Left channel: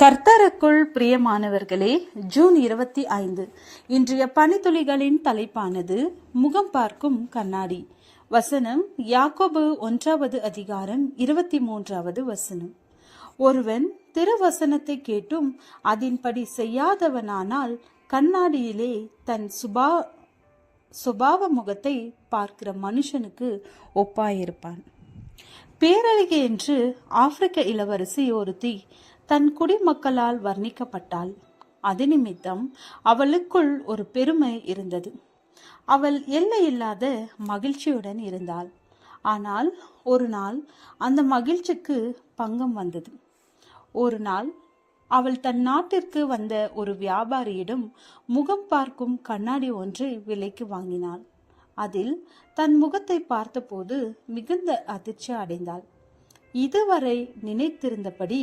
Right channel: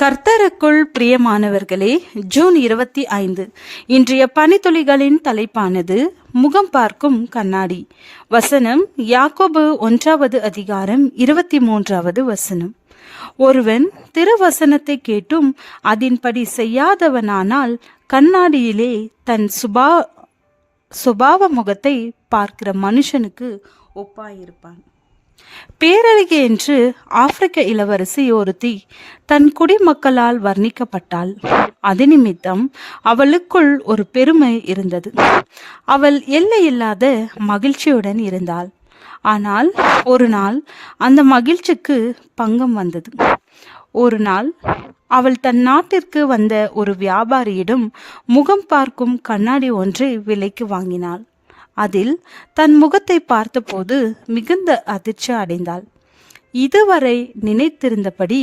கர்த்தருக்குள் பிரியமானவர்களே, ஜூன் 25 இன்றைய பனித்துளிகளின் தலைப்பானது முகம் பார்க்கும் கண்ணாடி. வசனம் யாக்கோபு 1வது அதிகாரம் 23வது வசனம். ஒருவன் திருவசனத்தை கேட்டும் அதன்படி செய்யாதவனானால் கண்ணாடியிலே தன் சுபாவ முகத்தை பார்க்கிற மனுஷனுக்கு ஒப்பாயிருப்பான். பேரழகி என்று ஆப்பிரிக்க இளவரசி ஒருத்தி தன் குடிமக்களால் வர்ணிக்கப்பட்டாள். அது நிமித்தம் அவளுக்குள் ஒரு பெருமை இருந்தது. அவள் எல்லையில்லாத மகிழ்ச்சியுடன் இருந்தாள். ஆனால் ஒரு நாள் அந்த மகிழ்ச்சிக்கு பங்கம் வந்தது. ஒரு நாள் அவள் தன் நாட்டிற்கு வந்த ஒரு வியாபாரியிடம் முகம் பார்க்கும் கண்ணாடி ஒன்றை விலைக்கு வாங்கினாள். அதில் தன் முகத்தை பார்த்தபோது மிகுந்த அதிர்ச்சி அடைந்தாள். இதுவரை நினைத்திருந்தபடி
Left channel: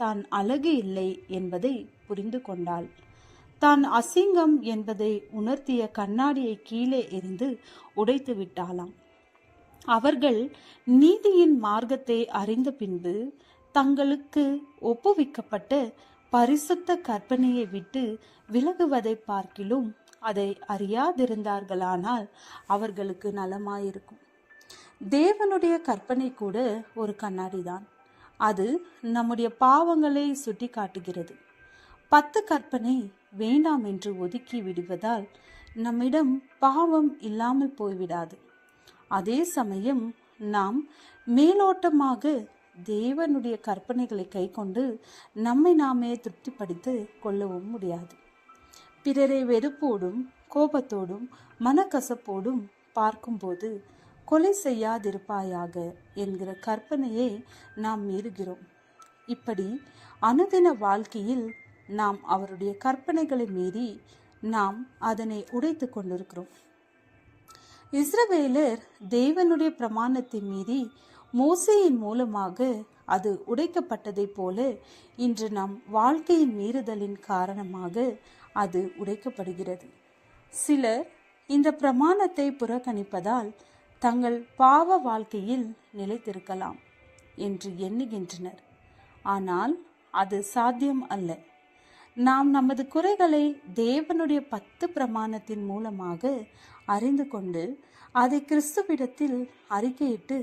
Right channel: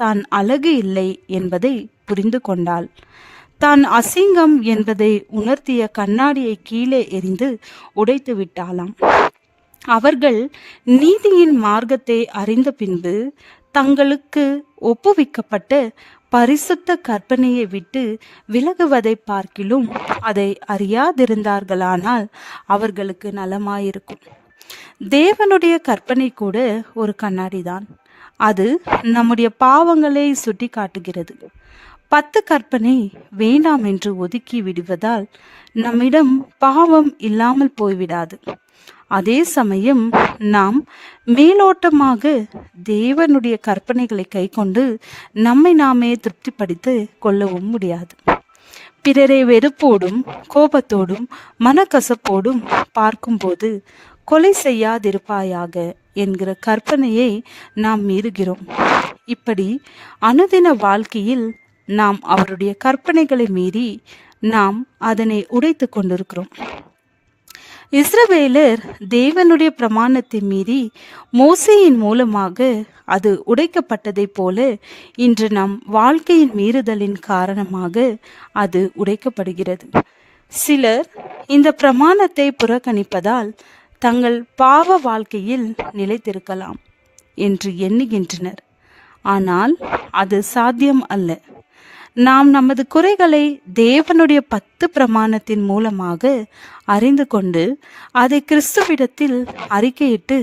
தான் அழகு இல்லை என்பதை புரிந்து கொண்டாள். தான் அசிங்கம் என்பதை உணர்த்திய கண்ணாடியை கீழே எறிந்து உடைத்து விட்டாளாம். அவர்கள் நீதியின் மார்க்கத்தை அறிந்த பின்பு தங்களுக்கு ஒப்புவிக்கப்பட்ட பரிசுத்த கற்பனையை விட்டு விலகுவதை பார்க்கிலும் அதை அறியாதிருந்தார்களானால் அவர்களுக்கு நலமாயிருக்கும். தேவனுடைய கற்பனை கூட ஒரு கண்ணாடிதான். அது நம்முடைய பாவங்களை சுட்டி காட்டுகிறது. 10 கற்பனை வேண்டாம் என்று ஒதுக்கி விடுவதால் நம்மிடம் பாவம் இல்லாமல் போய்விடாது. அதே சமயம் நாம் மேலோட்டமாக தேவனுடைய கற்பனைகளை கை கொண்டு நம்மை நாமே திருப்திப்படுத்தி கொள்ளவும் முடியாது. பிறரை வெறுப்போடும் கோபத்தோடும் மனக்கசப்போடும் பார்க்கும்போது கொலை செய்யாதிருப்பாயாக என்கிற கற்பனையை நாம் மீறுகிறோம். இப்படி அனுதின வாழ்க்கையில் நாம் அவருடைய கற்பனைகளை மீறி நாம் அதனை உடைத்து கொண்டிருக்கிறோம். இஸ்ரவேலர் தேவனுடைய பிரமாணத்தை மீறி மோசேயின் மூலமாக அது உடைக்கப்பட்டதைப் போல இன்று நம் வாழ்க்கையின் மீறுதலின் காரணமாக அது உடைக்கப்படுகிறது. சிலர் இந்த பிரமாணத்தை புறக்கணிப்பதால் தங்கள் பாவ வாழ்க்கையில் நிலைத்திருக்கலாம் என்று எண்ணுகின்றனர். ஆனால் அது சாத்தியம் அல்ல. நாம் நமது குறைகளை தேவனுடைய 10 பிரமாணத்தின் மூலமாக அறிந்து கொண்டு அதை கிறிஸ்துவிடத்தில் அறிக்கையிட்டு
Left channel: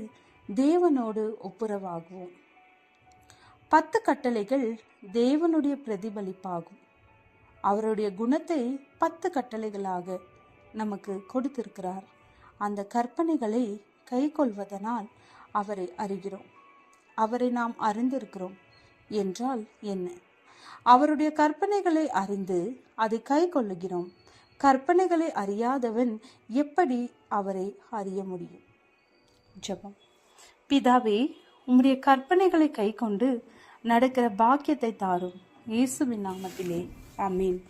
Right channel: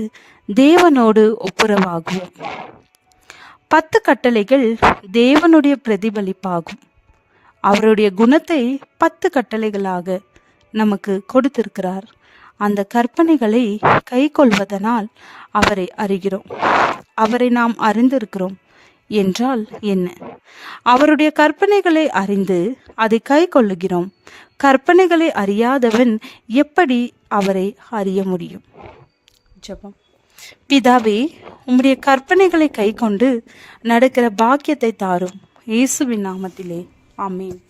தேவனோடு ஒப்புரவாகுவோம். 10 கட்டளைகள் தேவனுடைய பிரதிபலிப்பாகும். அவருடைய குணத்தை 10 கட்டளைகளாக நமக்கு கொடுத்திருக்கிறார். அந்த கற்பனைகளை கை கொள்வதனால் அவரை அறிகிறோம். அவரை நாம் அறிந்திருக்கிறோம் என்றால் என்ன? அவருடைய கற்பனைகளை அறிந்து அதை கை கொள்ளுகிறோம். கற்பனைகளை அறியாதவன் எப்படி அவரை அறிய முடியும்? ஜெபம். பிதாவே, உம்முடைய கற்பனைகளை கை கொண்டு நடக்கிற பாக்கியத்தை தாரும். இயேசுவின் நாமத்திலே ஆமென்.